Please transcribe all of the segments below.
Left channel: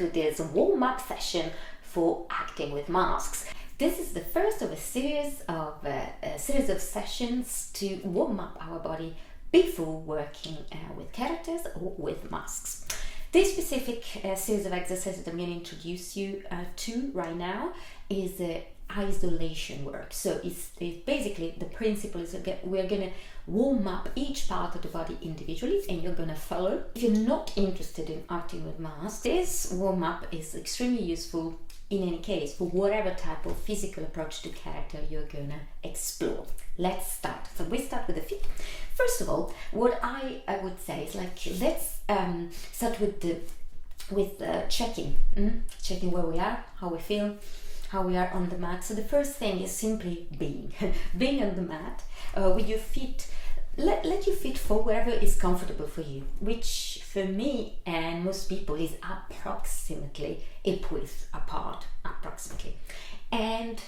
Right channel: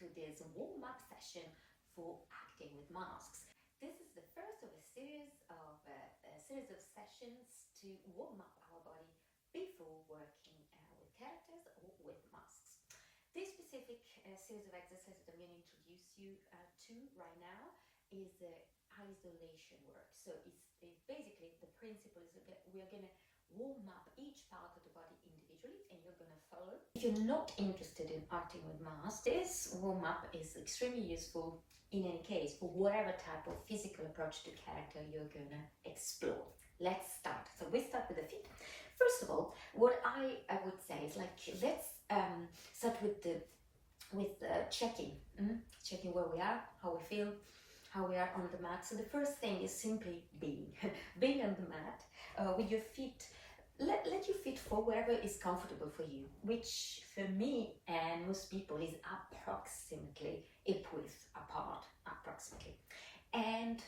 to this warm-up session for acting with masks. This is the first of a series of sessions to warm up our body before working with characters or with masks. This specific series of exercises I'm going to introduce you to right now is isolation work. So it's basically the principle is we're going to warm up each part of the body individually, and you're going to follow. If you're not interested in acting with masks, this warm up is extremely useful in any case for whatever type of physical approach to character you're going to explore. Let's start. So we start with the feet. First of all, what I would say is let's start with checking where we are, how we feel, how we are on the mat. So the first thing is simply being on the mat with your feet. Let your feet fall wherever is comfortable for you, which for me and most people is approximately hip width apart, approximately. And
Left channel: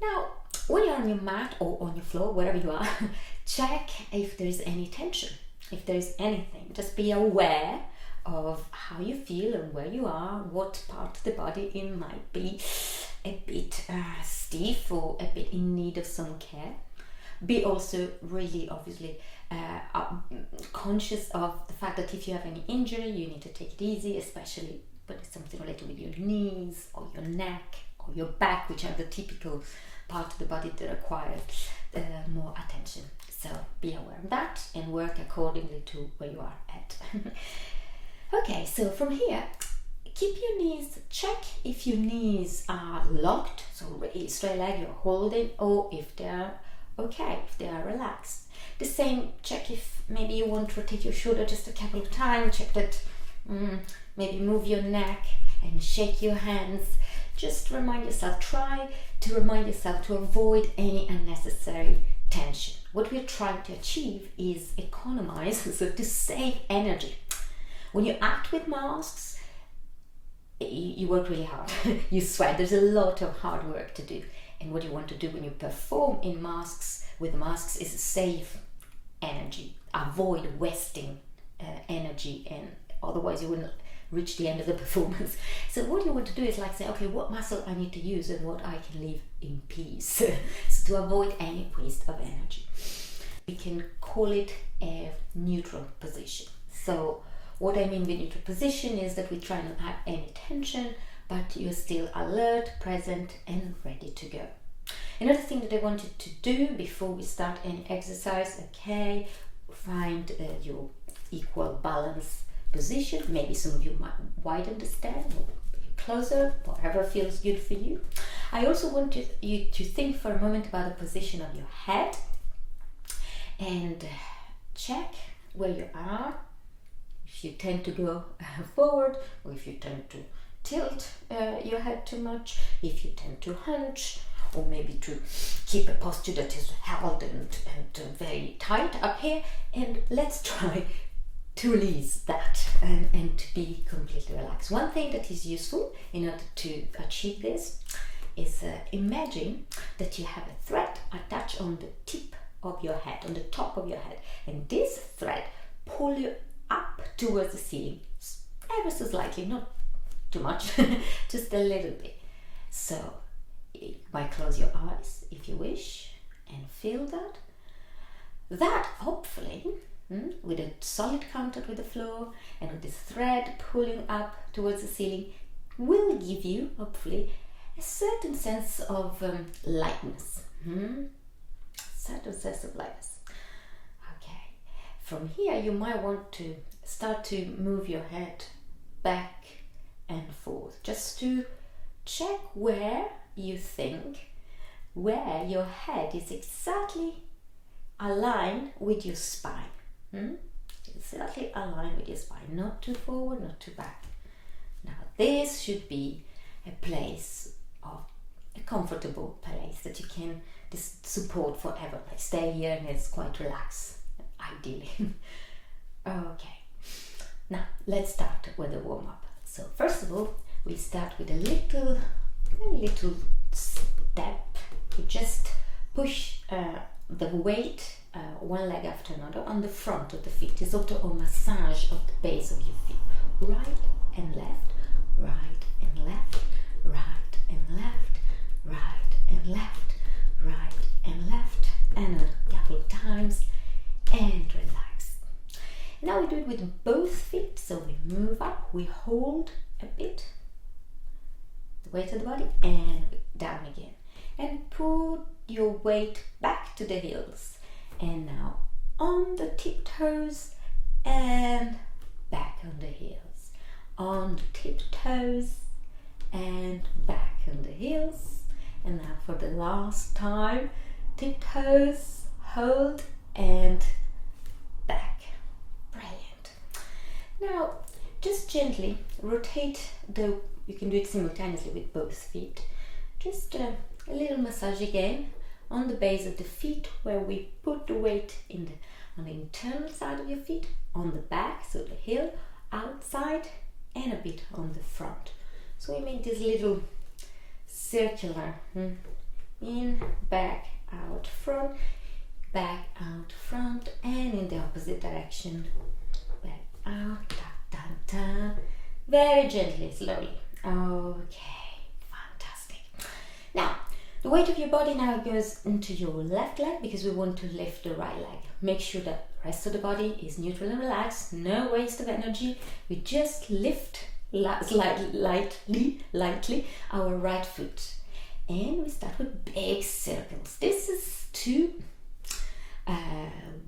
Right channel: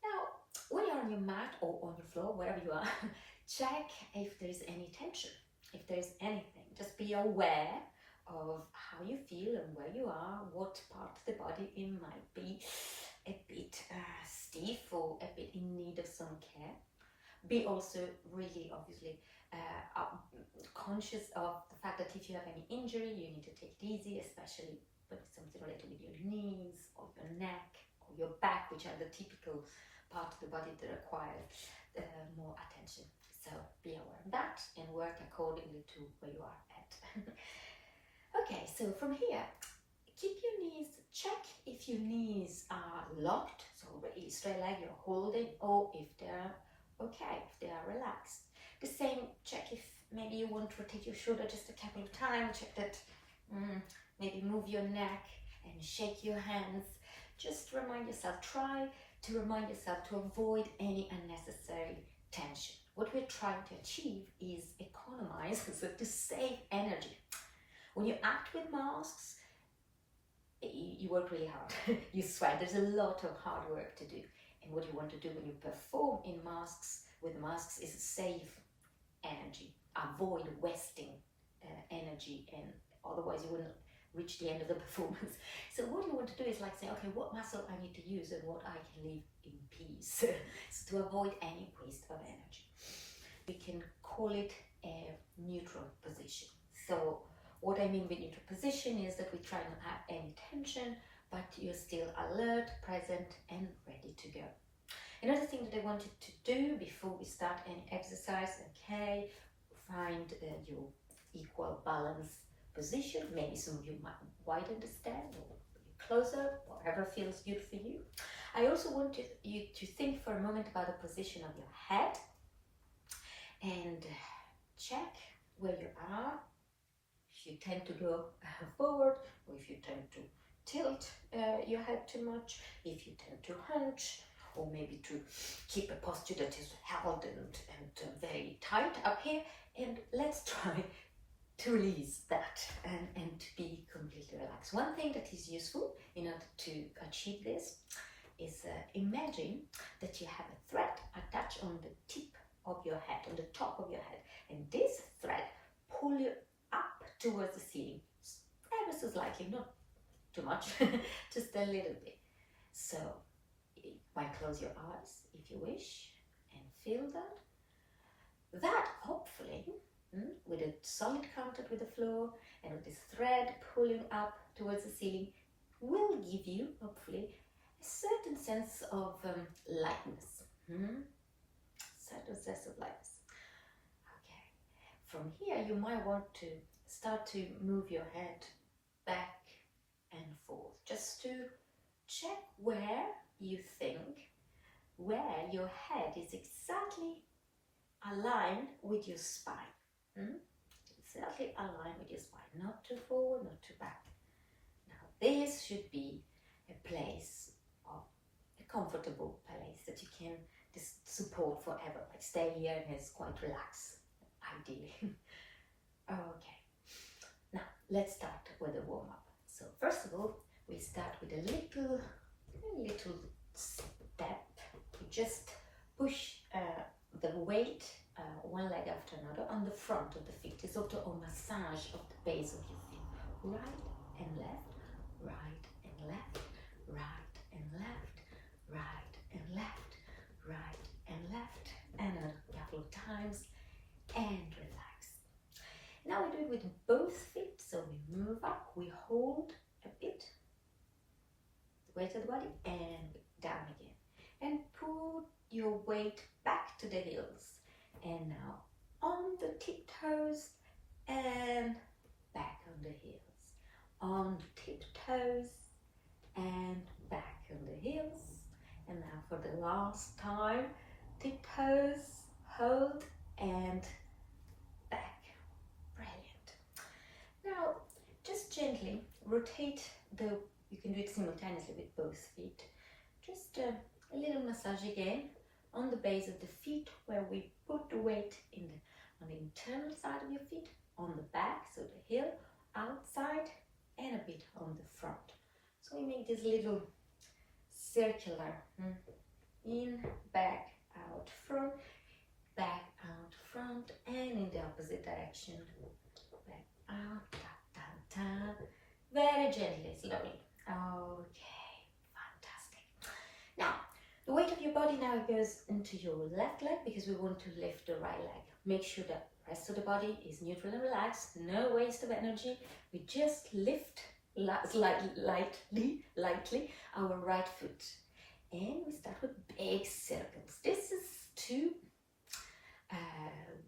now, when you're on your mat or on your floor, wherever you are, check if there is any tension, if there is anything. Just be aware of how you feel and where you are, what part of the body it might be a bit stiff or a bit in need of some care. Be also really obviously conscious of the fact that if you have any injury, you need to take it easy, especially when it's something related with your knees or your neck or your back, which are the typical part of the body that require more attention. So be aware of that and work accordingly to where you are at. Okay, so from here, keep your knees, check if your knees are locked, so really straight leg you're holding, or if they're okay, if they are relaxed. The same, check if maybe you want to rotate your shoulder just a couple of times, check that, maybe move your neck and shake your hands. Just remind yourself, try to remind yourself to avoid any unnecessary tension. What we're trying to achieve is economize, so to save energy. When you act with masks, you work really hard, you sweat, there's a lot of hard work to do. And what you want to do when you perform in masks, with masks, is save energy, avoid wasting energy, and otherwise you wouldn't reach the end of the performance. So what you want to do is say, okay, what muscle I need to use and what I can leave in peace. So to avoid any waste of energy. We can call it a neutral position. So what I mean by neutral position is that we try not to have any tension, but you're still alert, present, and ready to go. Another thing that I wanted to do before we start any exercise, okay, find your equal balance position. Maybe some of you might widen the stand or closer, whatever feels good for you. I also want you to think for a moment about the position of your head and check where you are. If you tend to go forward, or if you tend to tilt your head too much, if you tend to hunch, or maybe to keep a posture that is held and very tight up here. And let's try to release that and to be completely relaxed. One thing that is useful in order to achieve this is imagine that you have a thread attached on the tip of your head, on the top of your head, and this thread pull you up towards the ceiling, ever so slightly, not too much, just a little bit. So you might close your eyes if you wish and feel that. That hopefully, with a solid contact with the floor and with this thread pulling up towards the ceiling, will give you hopefully a certain sense of lightness. Certain sense of lightness. Okay. From here, you might want to start to move your head back and forth, just to check where you think, where your head is exactly aligned with your spine. Exactly aligned with your spine, not too forward, not too back. Now this should be a place of a comfortable place that you can support forever. Like stay here and it's quite relaxed, ideally. Okay, now let's start with the warm-up. So first of all, we start with a little step. You just push the weight one leg after another on the front of the feet. It's sort of a massage of the base of your feet, right and left, right and left, right and left, right and left, right and left, and a couple of times, and relax. Now we do it with both feet, so we move up, we hold a bit, the weight of the body, and down again. And put your weight back to the heels. And now on the tiptoes and back on the heels. On the tiptoes and back on the heels. And now for the last time, tiptoes, hold, and back. Brilliant. Now just gently rotate you can do it simultaneously with both feet. Just a little massage again on the base of the feet, where we put the weight on the internal side of your feet, on the back, so the heel, outside, and a bit on the front. So we make this little circular in, back, out, front, and in the opposite direction, back, out, down, down, down, very gently, slowly. Okay, fantastic. Now, the weight of your body now goes into your left leg, because we want to lift the right leg. Make sure that the rest of the body is neutral and relaxed, no waste of energy. We just lift lightly our right foot. And we start with big circles. This is to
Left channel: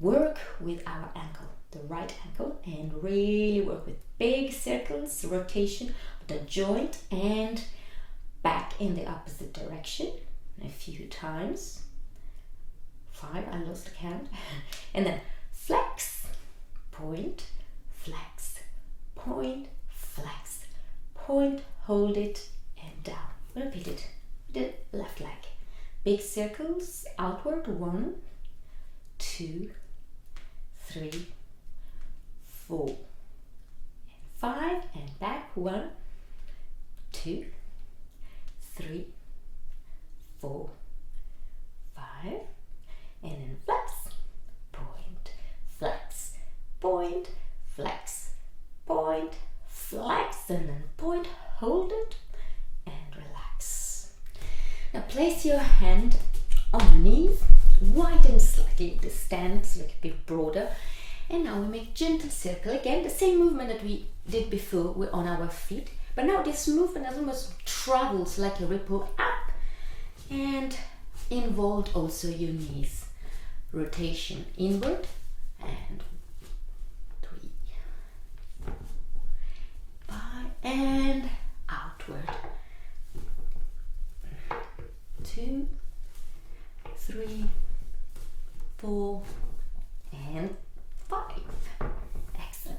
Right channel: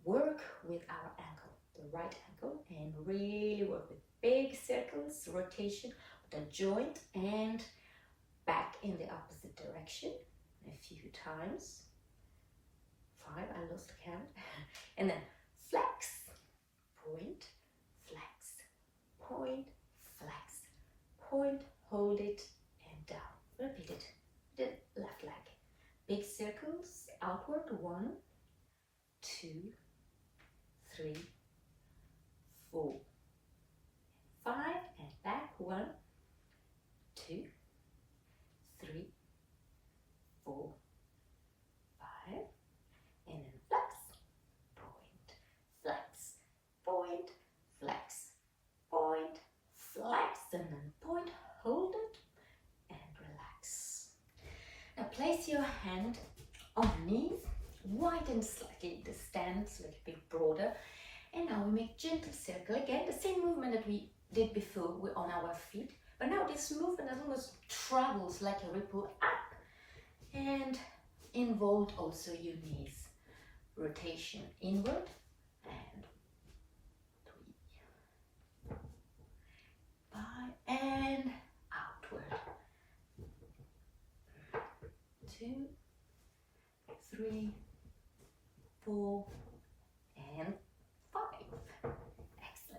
work with our ankle, the right ankle, and really work with big circles, rotation of the joint, and back in the opposite direction a few times. 5, I lost the count. And then flex, point, flex, point, flex, point, hold it, and down. Repeat it. The left leg. Big circles outward. 1, 2, 3, 4, and 5, and back. 1, 2, 3, 4, 5, and then flex, point, flex, point, flex, point, flex, and then point, hold it, and relax. Now place your hand on your knees, widen slightly the stance, so a bit broader, and now we make gentle circle. Again, the same movement that we did before on our feet, but now this movement almost travels like a ripple up and involved also your knees. Rotation inward, and 3, 5, and outward. 2, 3, 4, and 5. Excellent.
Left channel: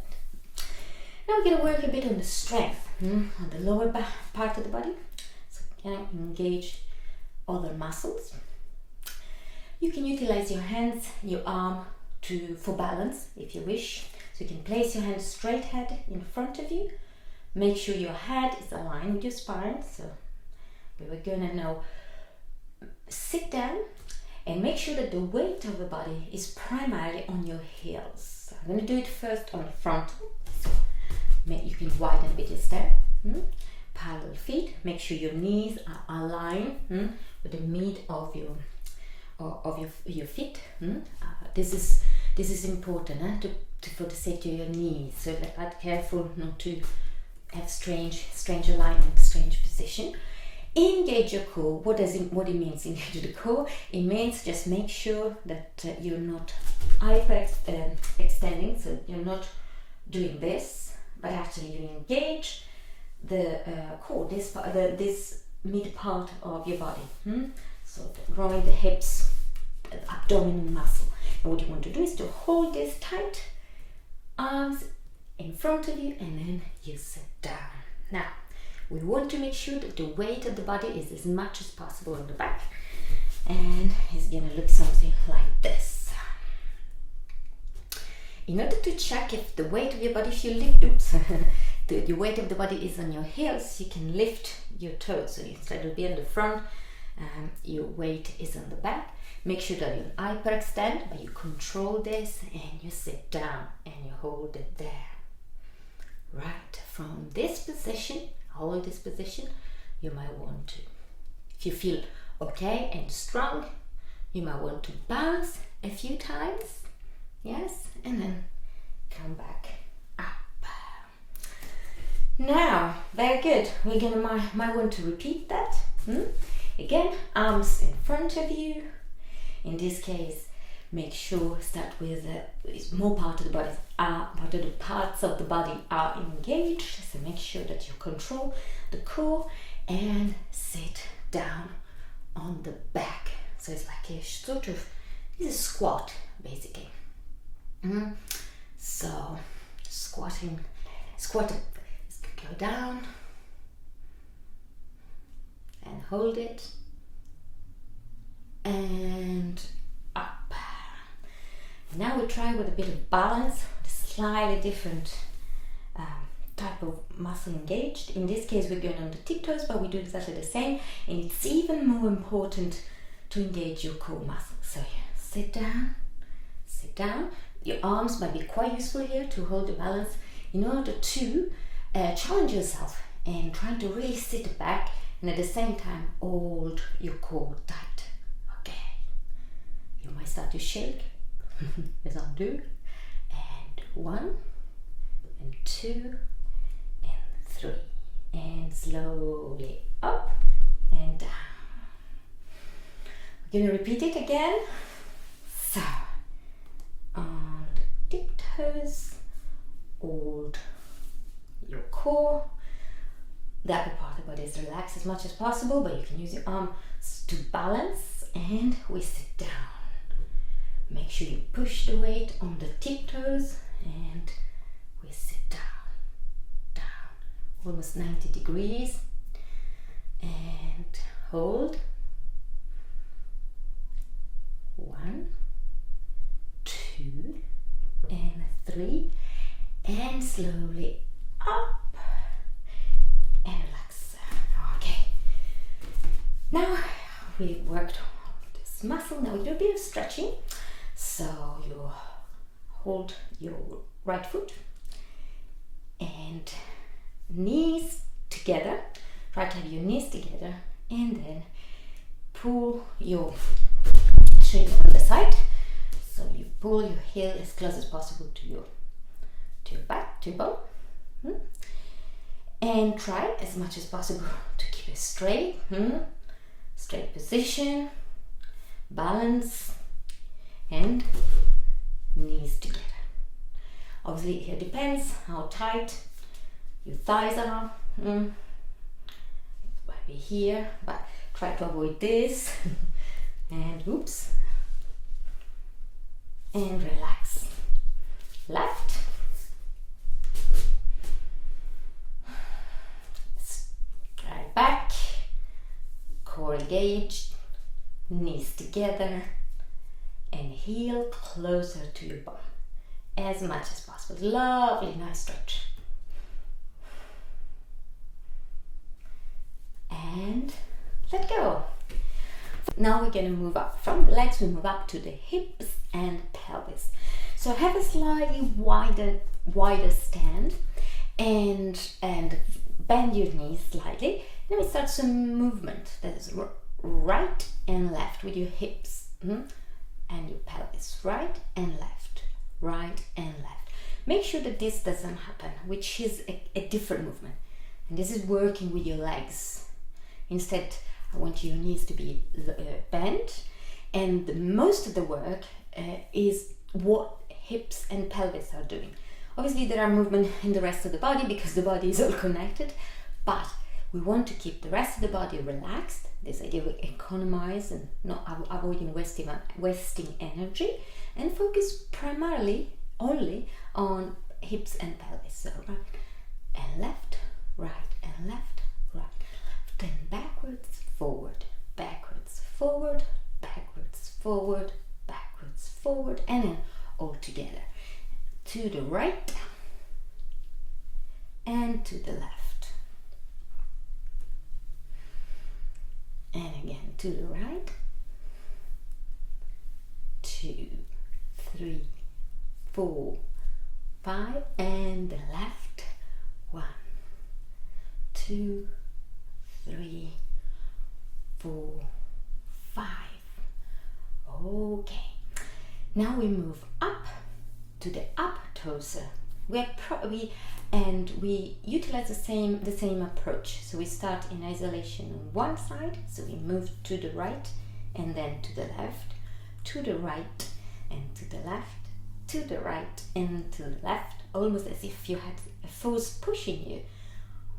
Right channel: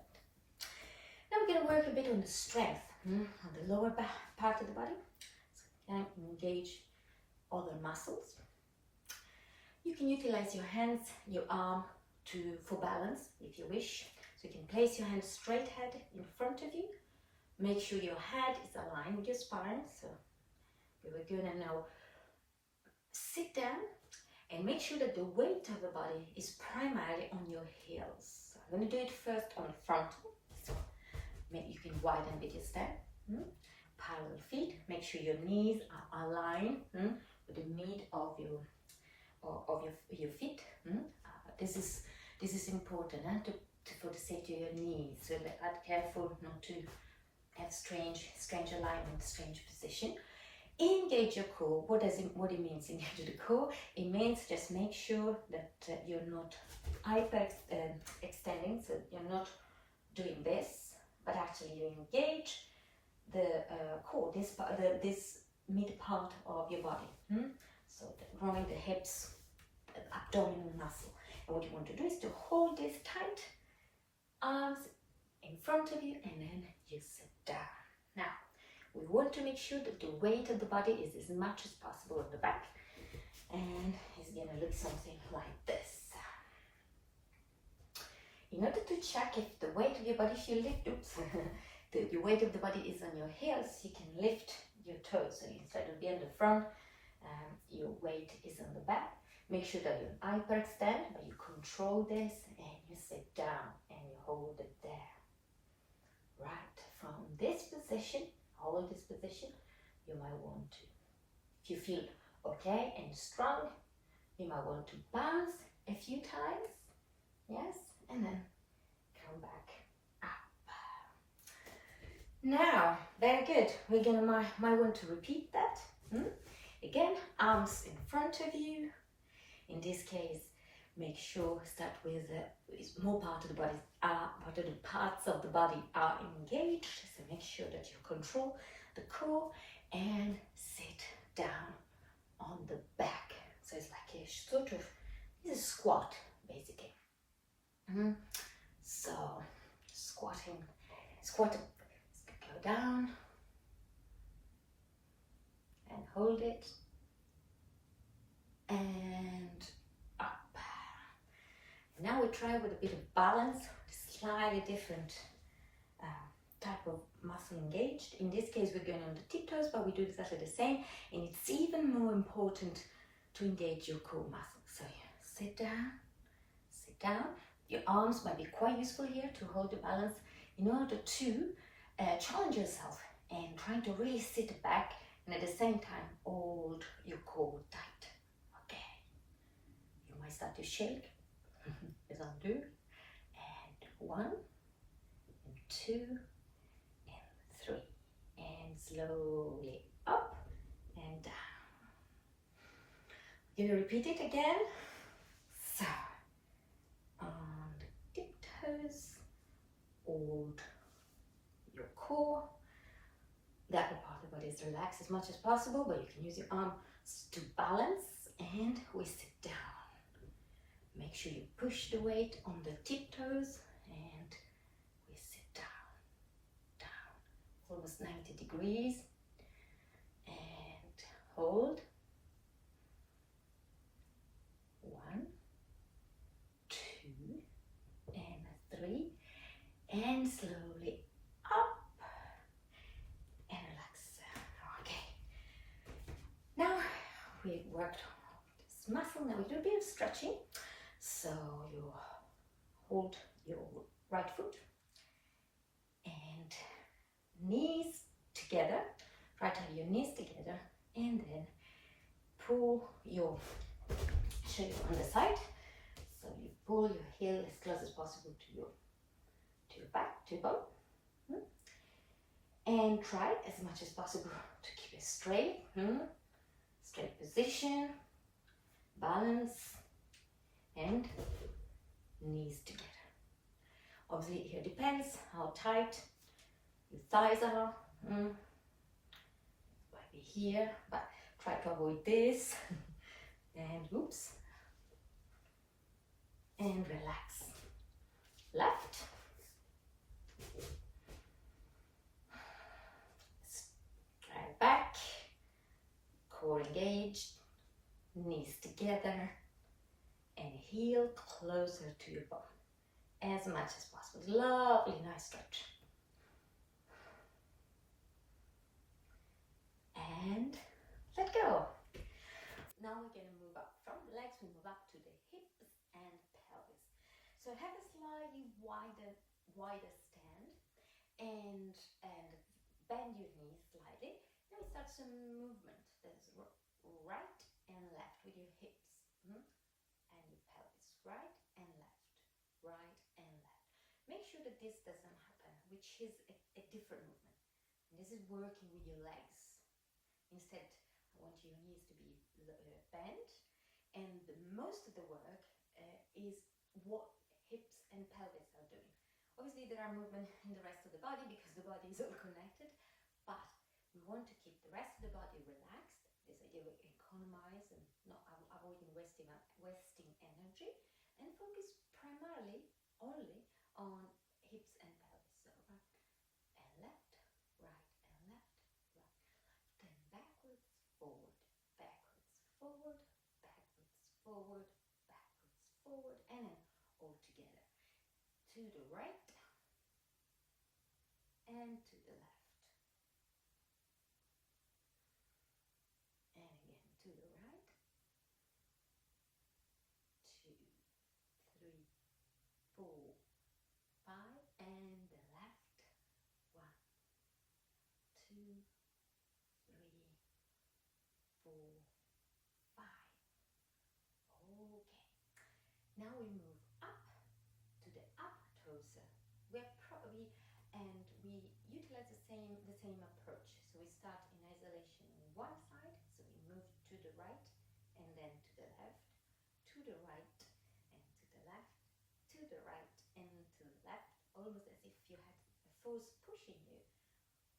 Now we're going to work a bit on the strength on the lower part of the body. So you can engage other muscles. You can utilize your hands, your arm for balance if you wish. So you can place your hands straight head in front of you. Make sure your head is aligned with your spine. So we're going to now sit down and make sure that the weight of the body is primarily on your heels. So I'm going to do it first on the front. So you can widen a bit instead. Parallel feet. Make sure your knees are aligned with the mid of your feet. This is important for the safety of your knees. So be careful not to have strange alignment, strange position. Engage your core. What it means? Engage the core. It means just make sure that you're not hyper extending. So you're not doing this, but actually you engage the core. This mid part of your body. So growing the hips, the abdominal muscle. And what you want to do is to hold this tight, arms in front of you, and then you sit down. Now, we want to make sure that the weight of the body is as much as possible on the back, and it's going to look something like this. In order to check if the weight of your body, if you lift, the weight of the body is on your heels, you can lift your toes. So instead of being on the front, your weight is on the back. Make sure that you hyperextend, but you control this, and you sit down and you hold it there. Right, from this position, hold this position, you might want to, if you feel okay and strong, you might want to bounce a few times, yes, and then come back up. Now, very good. We're gonna might want to repeat that. Again, arms in front of you. In this case, make sure start with more part of the body. Part of the parts of the body are engaged. So make sure that you control the core and sit down on the back. So it's like a sort of, this is squat basically. So squatting, go down and hold it and up. Now we try with a bit of balance, slightly different type of muscle engaged. In this case we're going on the tiptoes, but we do exactly the same, and it's even more important to engage your core muscle. So yeah, sit down. Your arms might be quite useful here to hold the balance in order to challenge yourself and try to really sit back and at the same time hold your core tight. Okay, you might start to shake as I do, and 1 and 2 and 3, and slowly up and down. We're going to repeat it again. So on the tiptoes, hold your core. The upper part of the body is relaxed as much as possible, but you can use your arms to balance, and we sit down. Make sure you push the weight on the tiptoes, and we sit down, almost 90 degrees, and hold. 1, 2, and 3, and slowly up and relax. Okay, now we worked on this muscle. Now we do a bit of stretching. So you hold your right foot and knees together. Try to have your knees together, and then pull your shin on the side. So you pull your heel as close as possible to your back, to your bone. And try as much as possible to keep it straight. Straight position, balance, and knees together. Obviously it depends how tight your thighs are. It might be here, but try to avoid this. And oops, and relax. Left, straight back, core engaged, knees together, and heel closer to your bone as much as possible. Lovely, nice stretch. And let go. Now we're going to move up from the legs. We move up to the hips and pelvis. So have a slightly wider stand, and bend your knees slightly. Then we start some movement. That is right and left with your hips and your pelvis. Right and left, right and left. Make sure that this doesn't happen, which is a different movement. And this is working with your legs. Instead, I want your knees to be bent, and most of the work is what hips and pelvis are doing. Obviously there are movement in the rest of the body because the body is all connected, but we want to keep the rest of the body relaxed. This idea of economize and not avoiding wasting energy, and focus primarily only on hips and pelvis. So right and left, right and left, right, left, and backwards, forward, backwards, forward, backwards, forward, backwards, forward, and then all together. To the right and to the left. And again to the right. 2, 3, 4, 5, and the left. 1, 2, 2, 3, 4, 5. Okay. Now we move up to the up torso. We utilize the same approach. So we start in isolation on one side, so we move to the right and then to the left, to the right and to the left, to the right and to the left, almost as if you had a force pushing you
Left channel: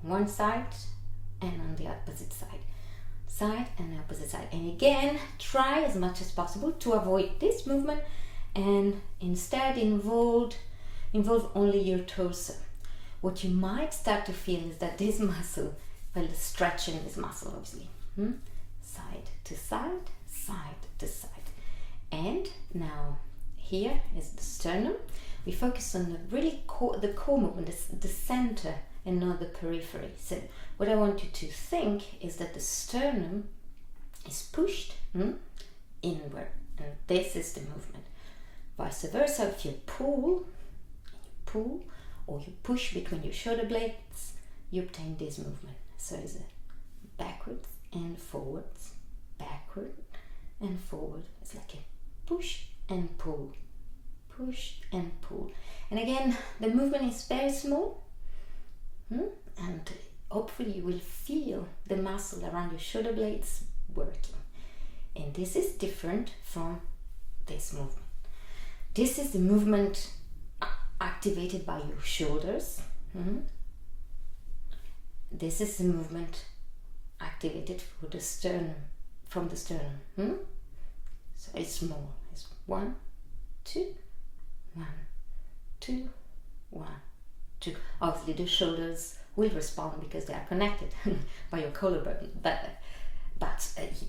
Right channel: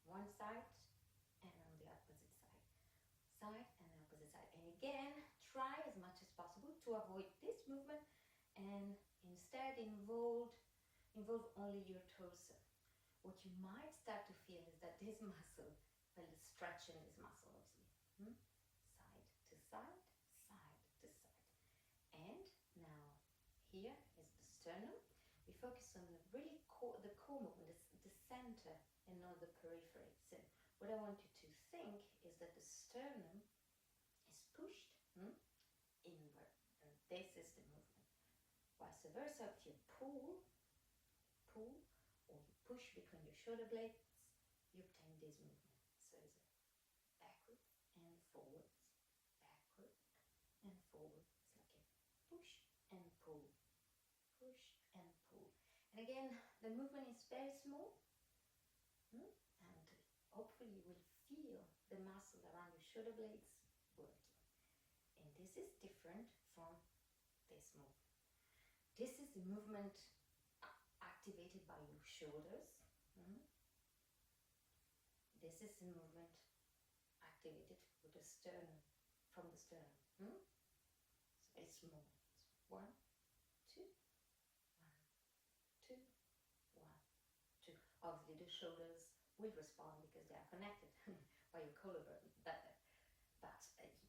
one side and on the opposite side and opposite side. And again, try as much as possible to avoid this movement and instead involve only your torso. What you might start to feel is that this muscle, well, stretching this muscle obviously, side to side, side to side. And now here is the sternum. We focus on the core movement, the center and not the periphery. So what I want you to think is that the sternum is pushed inward, and this is the movement. Vice versa, if you pull or you push between your shoulder blades, you obtain this movement. So it's a backwards and forwards, backward and forward. It's like a push and pull, push and pull. And again, the movement is very small, and hopefully you will feel the muscle around your shoulder blades working. And this is different from this movement. This is the movement activated by your shoulders. This is the movement activated for the sternum, from the sternum. So it's small. It's 1, 2, 1, 2, 1, 2. Obviously the shoulders will respond because they are connected by your collarbone, but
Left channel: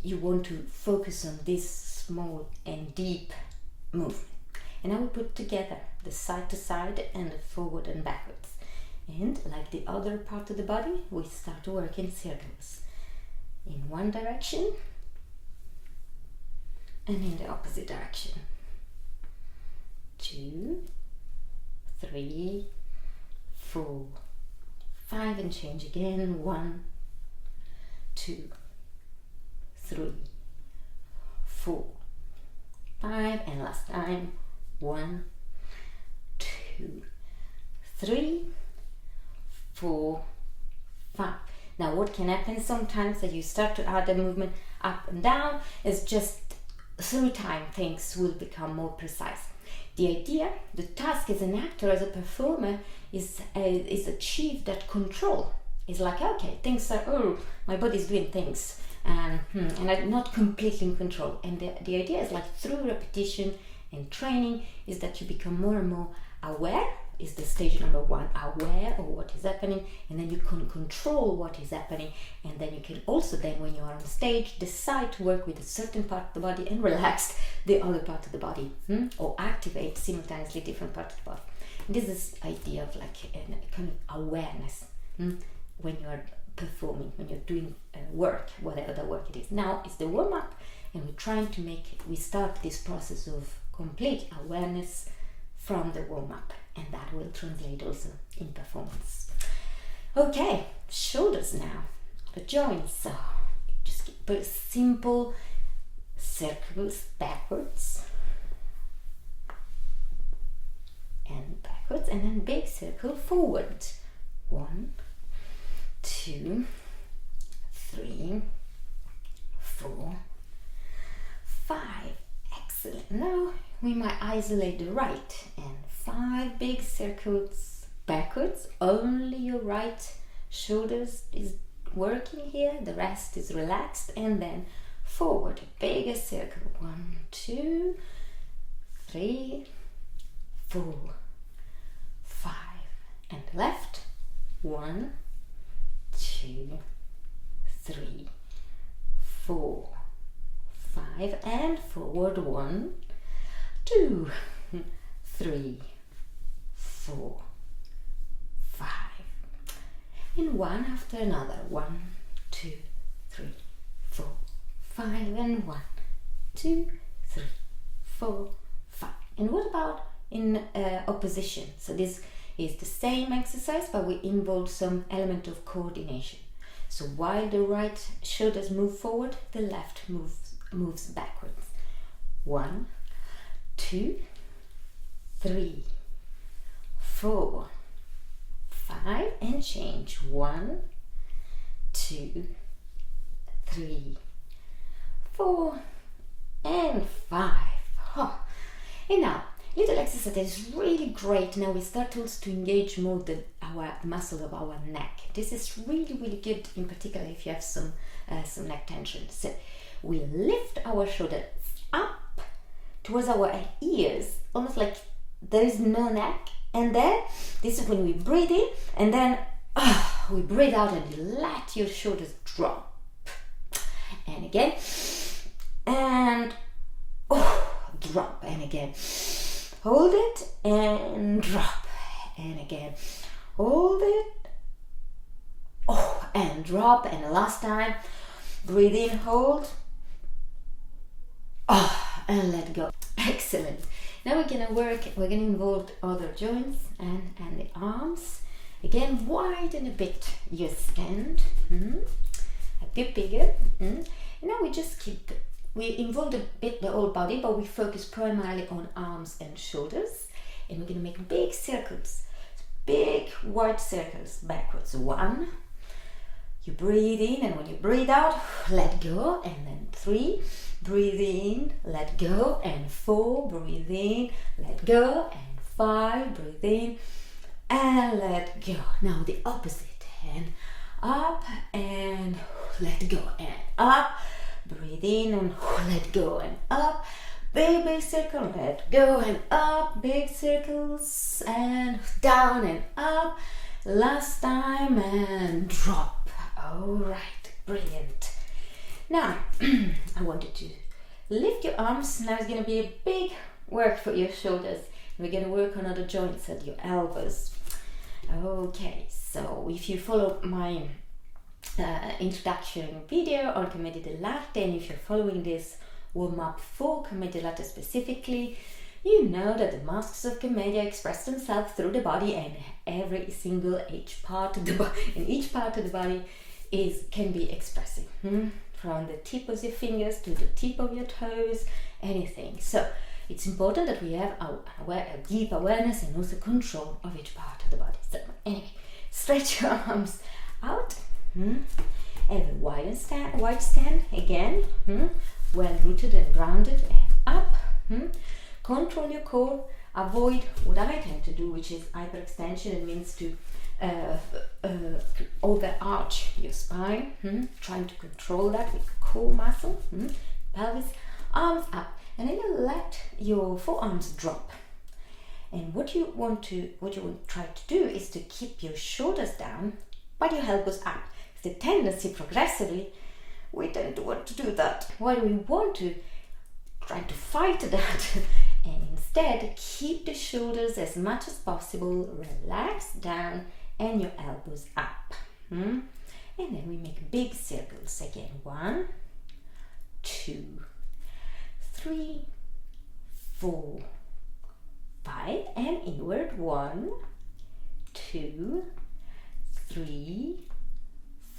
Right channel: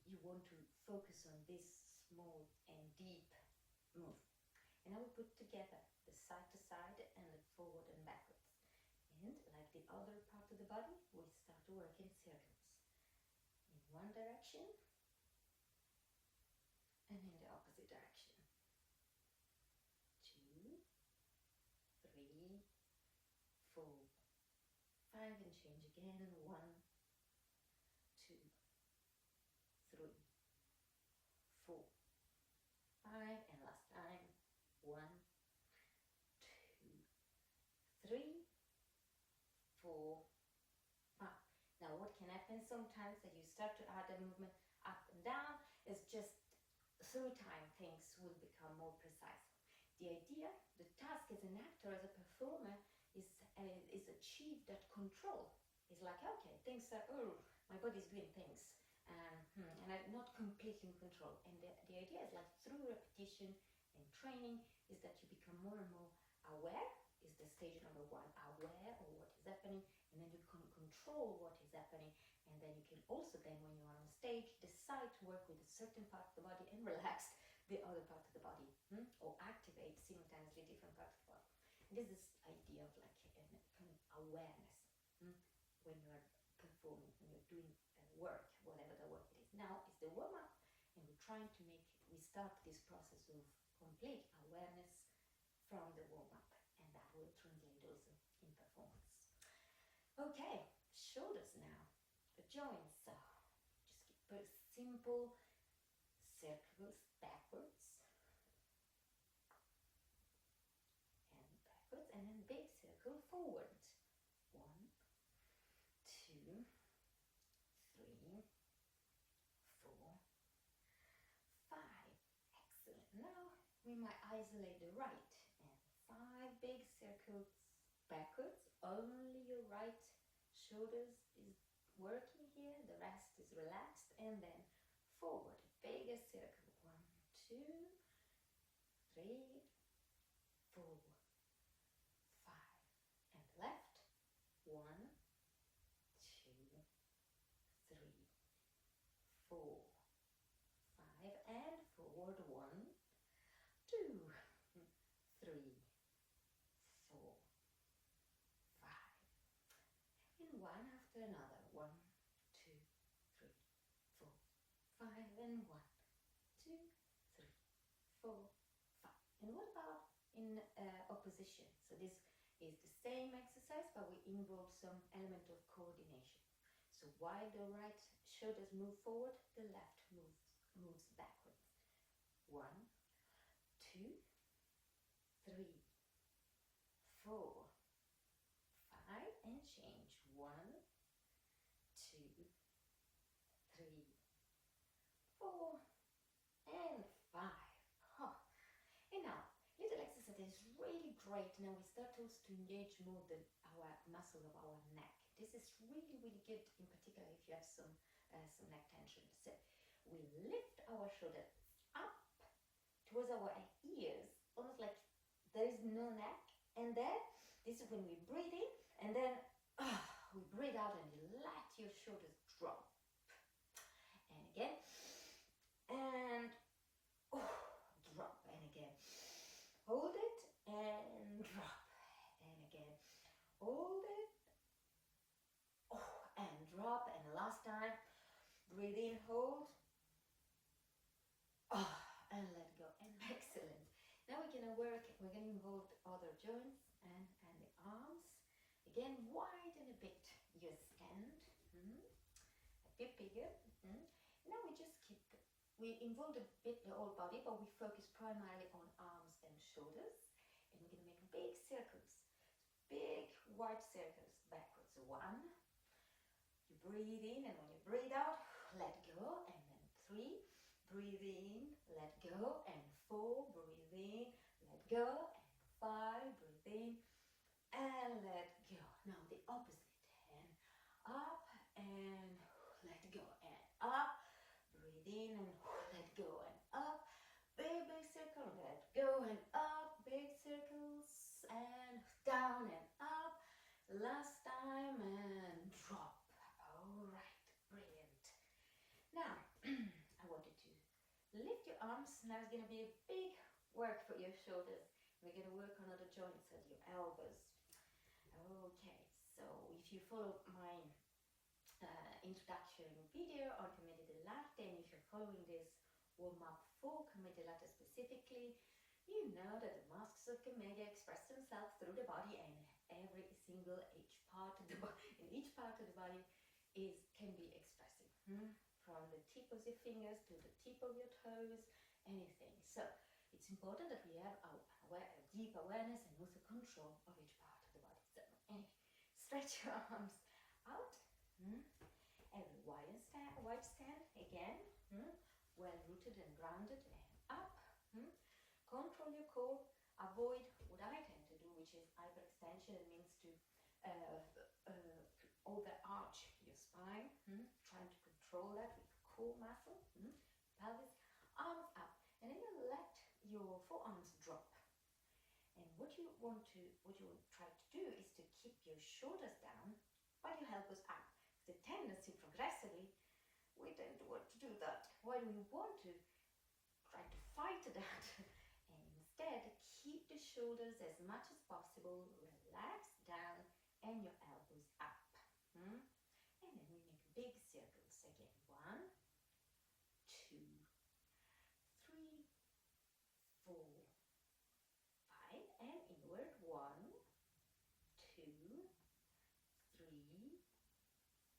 you want to focus on this small and deep movement. And I will put together the side to side and the forward and backwards. And like the other part of the body, we start to work in circles. In one direction and in the opposite direction. 2, 3, 4, 5, and change again. 1, 2, 3, 4, 5, and last time. 1, 2, 3, 4, 5. Now what can happen sometimes that you start to add the movement up and down is just through time things will become more precise. The idea, the task as an actor, as a performer, is achieve that control. It's like, okay, things are, my body's doing things, and I'm not completely in control. And the idea is like through repetition and training is that you become more and more aware, is the stage number 1, aware of what is happening, and then you can control what is happening, and then you can also then when you are on stage decide to work with a certain part of the body and relax the other part of the body, or activate simultaneously different parts of the body. And this is idea of like a kind of awareness when you are performing, when you're doing work, whatever the work it is. Now it's the warm-up, and we're trying to we start this process of complete awareness from the warm-up, and that will translate also in performance. Okay, shoulders now, the joints. So just keep simple circles backwards and then big circle forward. 1, 2, 3, 4, 5. Excellent. Now we might isolate the right, and 5 big circles backwards. Only your right shoulders is working here, the rest is relaxed, and then forward, a bigger circle. 1, 2, 3, 4, 5, and left. 1, 2, 3, 4, 5, and forward. 1, 2, 3, 4, 5, and one after another. 1, 2, 3, 4, 5, and 1, 2, 3, 4, 5. And what about in opposition? So this is the same exercise, but we involve some element of coordination. So while the right shoulders move forward, the left moves backwards. 1, 2, 3, 4, 5, and change. 1, 2, 3, 4, and 5. Oh. And now, little exercise that is really great. Now we start also to engage more our muscle of our neck. This is really, really good, in particular if you have some neck tension. So we lift our shoulders up towards our ears, almost like there is no neck. And then this is when we breathe in, and then we breathe out, and you let your shoulders drop. And again, and drop, and again. Hold it and drop, and again. Hold it, and drop, and the last time. Breathe in, hold, and let go. Excellent. Now we're gonna involve other joints and the arms. Again, widen a bit your stand, a bit bigger. And now we involve a bit the whole body, but we focus primarily on arms and shoulders. And we're gonna make big circles, big wide circles backwards. 1, you breathe in, and when you breathe out, let go, and then 3, breathe in, let go, and 4, breathe in, let go, and 5, breathe in, and let go. Now the opposite hand, up and let go, and up, breathe in and let go, and up, big circle, let go, and up, big circles, and down and up, last time, and drop. All right, brilliant. Now I want you to lift your arms. Now it's going to be a big work for your shoulders. We're going to work on other joints at your elbows. Okay, so if you follow my introduction video on Commedia dell'arte, and if you're following this warm-up for Commedia dell'arte specifically, you know that the masks of Commedia express themselves through the body, and every single each part of the body can be expressive, from the tip of your fingers to the tip of your toes, anything. So it's important that we have a deep awareness and also control of each part of the body. So anyway, stretch your arms out, and a wide stand again, well rooted and grounded, and up. Control your core. Avoid what I tend to do, which is hyperextension. It means to overarch your spine, trying to control that with core muscle, pelvis, arms up, and then you let your forearms drop. And what you want to try to do is to keep your shoulders down, but your elbows up. The tendency progressively, we tend to want to do that. Why do we want to try to fight that? And instead, keep the shoulders as much as possible, relax down, and your elbows up. And then we make big circles again. 1, 2, 3, 4, 5, and inward. 1, 2, 3,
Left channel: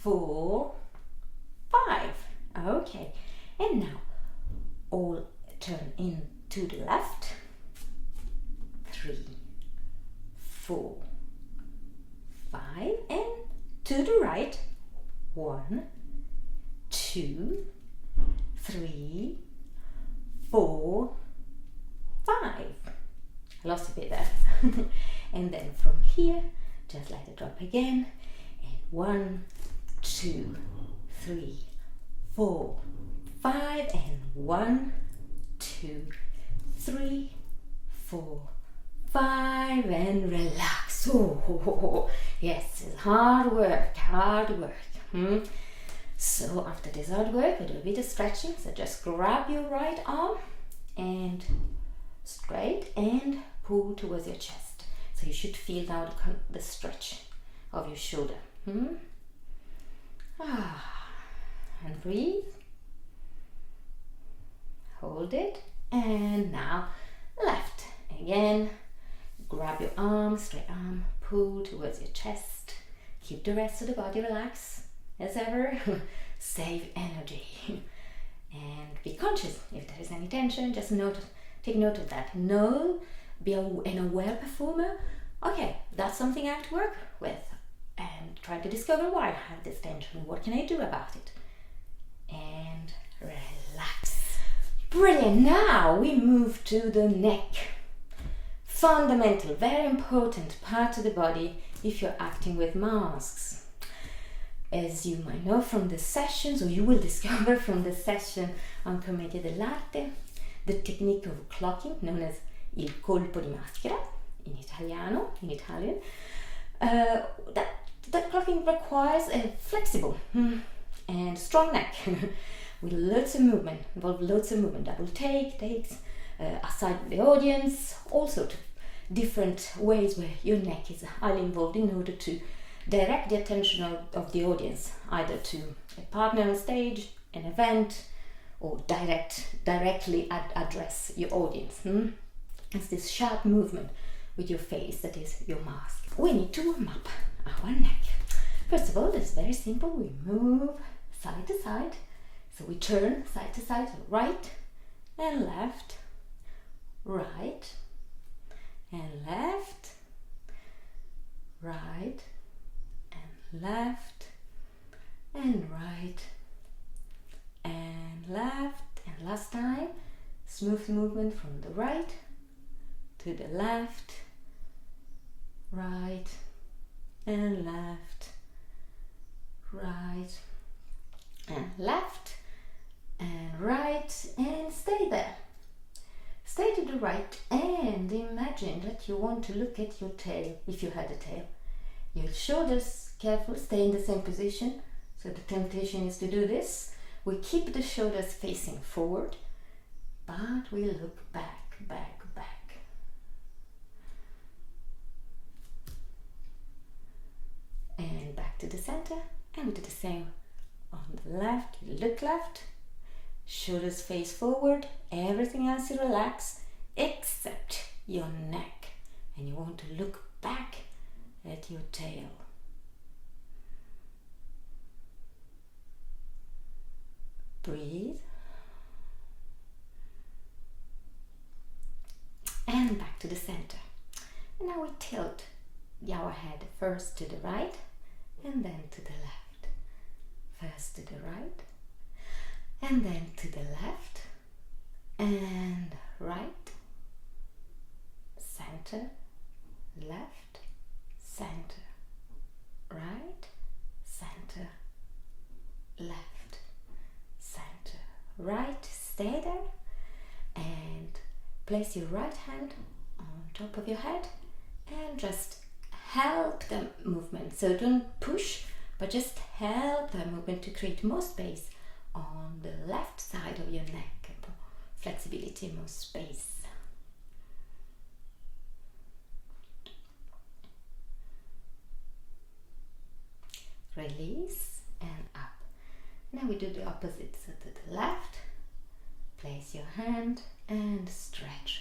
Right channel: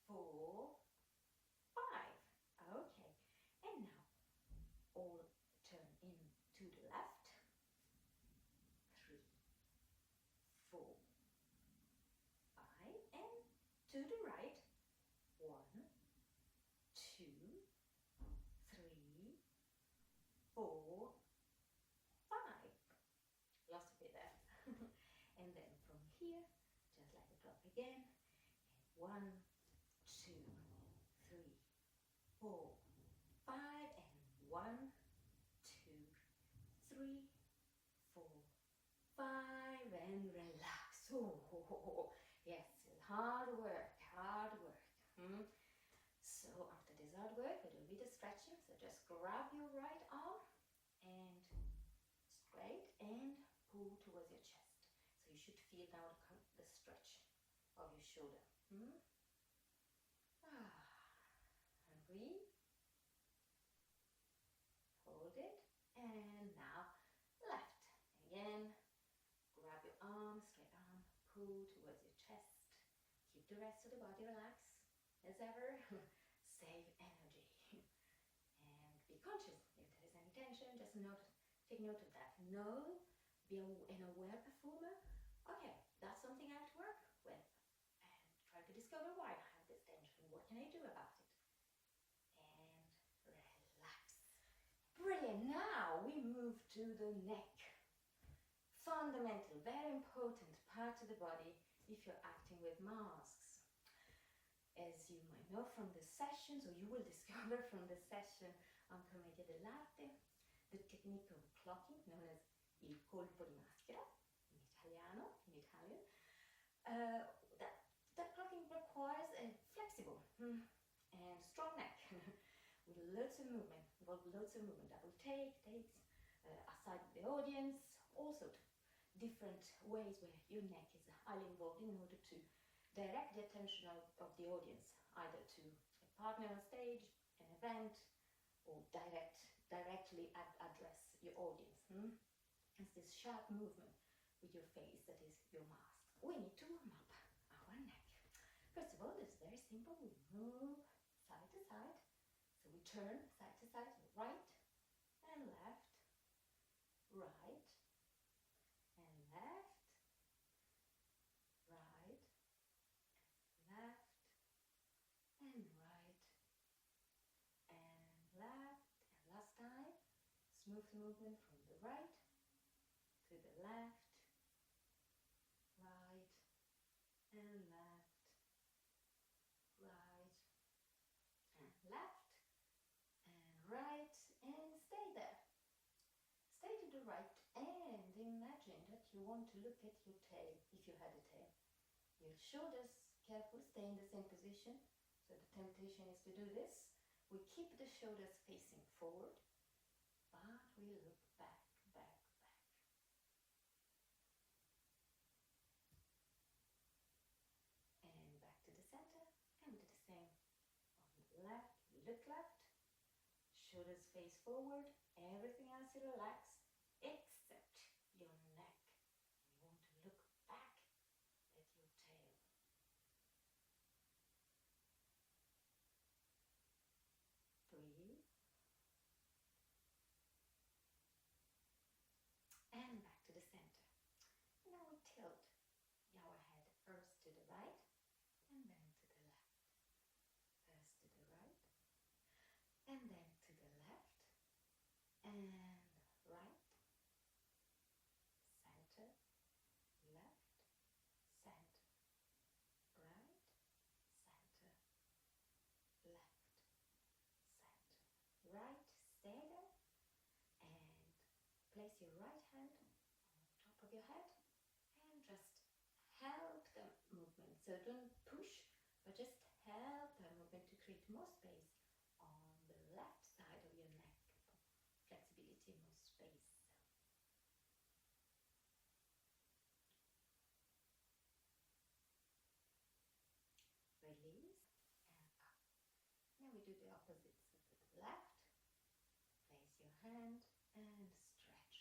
4, 5. Okay, and now all turn in to the left. 3, 4, 5, and to the right. 1, 2, 3, 4, 5. I lost a bit there. And then from here, just let it drop again. And 1, 2, 3, 4, 5, and 1, 2, 3, 4, 5, and relax. Oh, yes, it's hard work. So after this hard work, we do a bit of stretching. So just grab your right arm and straight and pull towards your chest. So you should feel now the stretch of your shoulder. And breathe. Hold it. And now left. Again, grab your arm, straight arm, pull towards your chest. Keep the rest of the body relaxed. as ever, save energy. And be conscious if there is any tension, just take note of that. Be an aware performer. Okay, that's something I have to work with, and try to discover why I have this tension and what can I do about it. And relax. Brilliant. Now we move to the neck. Fundamental, very important part of the body if you're acting with masks. As you might know from the sessions, or you will discover from the session on Commedia dell'arte, the technique of clocking, known as il colpo di maschera in Italian, that clocking requires a flexible and strong neck with lots of movement, double takes, aside the audience, all sorts of different ways where your neck is highly involved in order to direct the attention of the audience, either to a partner on stage, an event, or directly address your audience. It's this sharp movement with your face that is your mask. We need to warm up our neck. First of all, it's very simple. We move side to side. So we turn side to side, right and left, right and left, right and left, and right and left, and last time, smooth movement from the right to the left, right and left, right and left and right, and stay there. Stay to the right and imagine that you want to look at your tail, if you had a tail. Your shoulders, careful, stay in the same position. So the temptation is to do this. We keep the shoulders facing forward, but we look back. And back to the center, and we do the same on the left. You look left, shoulders face forward, everything else you relax except your neck, and you want to look back at your tail. Breathe. And back to the center. And now we tilt our head first to the right and then to the left. First to the right and then to the left and right, center, left, center, right, center, left, center, right. Stay there and place your right hand on top of your head and just help the movement. So don't push, but just help the movement to create more space on the left side of your neck. Flexibility, more space. Release and up. Now we do the opposite. So to the left, place your hand and stretch.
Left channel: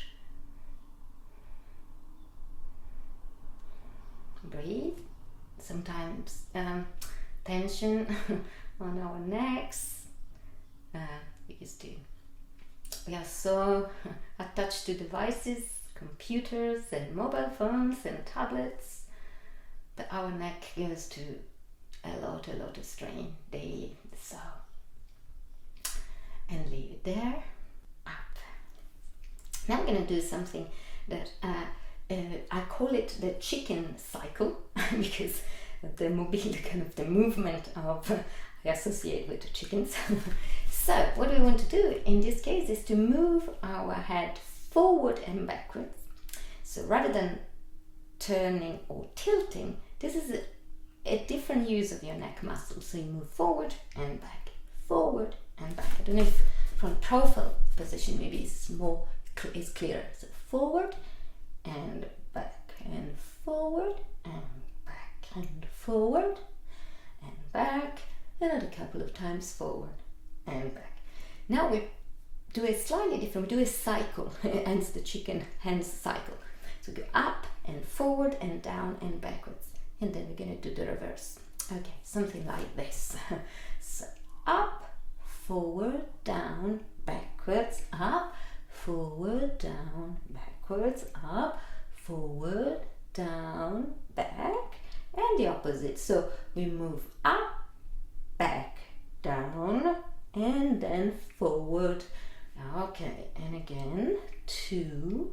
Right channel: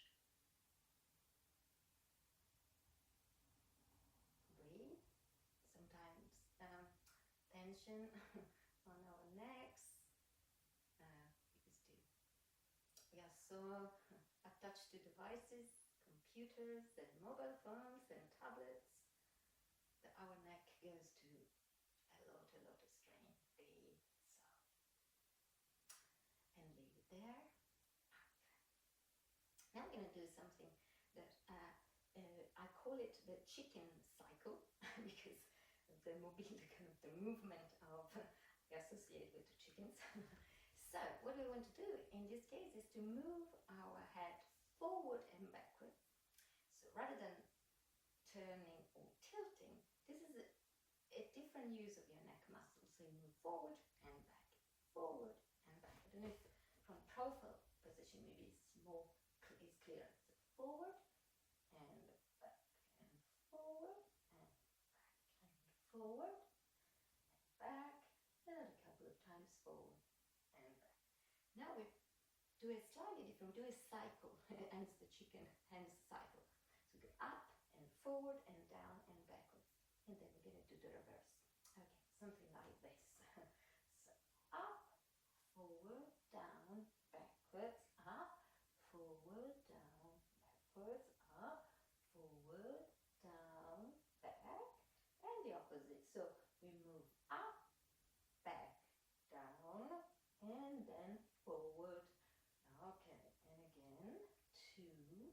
Breathe. Sometimes tension on our necks. We are so attached to devices, computers and mobile phones and tablets, that our neck goes to a lot of strain daily. So, and leave it there. Up. Now I'm going to do something that I call it the chicken cycle because the mobility, kind of the movement of I associate with the chickens. So what we want to do in this case is to move our head forward and backwards. So rather than turning or tilting, this is a different use of your neck muscle. So you move forward and back, forward and back. I don't know if from profile position maybe it's clearer. So forward and back and forward and back and forward and back. Another couple of times forward and back. Now we do a slightly different, we do a cycle, hence the chicken hands cycle. So go up and forward and down and backwards. And then we're going to do the reverse. Okay, something like this. So up, forward, down, backwards, up, forward, down, backwards, up, forward, down, back, and the opposite. So we move up, back, down, and then forward. Okay, and again, 2,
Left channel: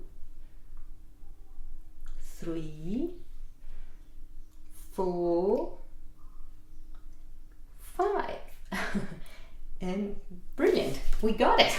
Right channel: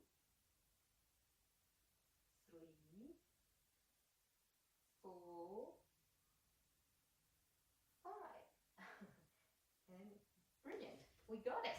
3, 4, 5. And brilliant, we got it.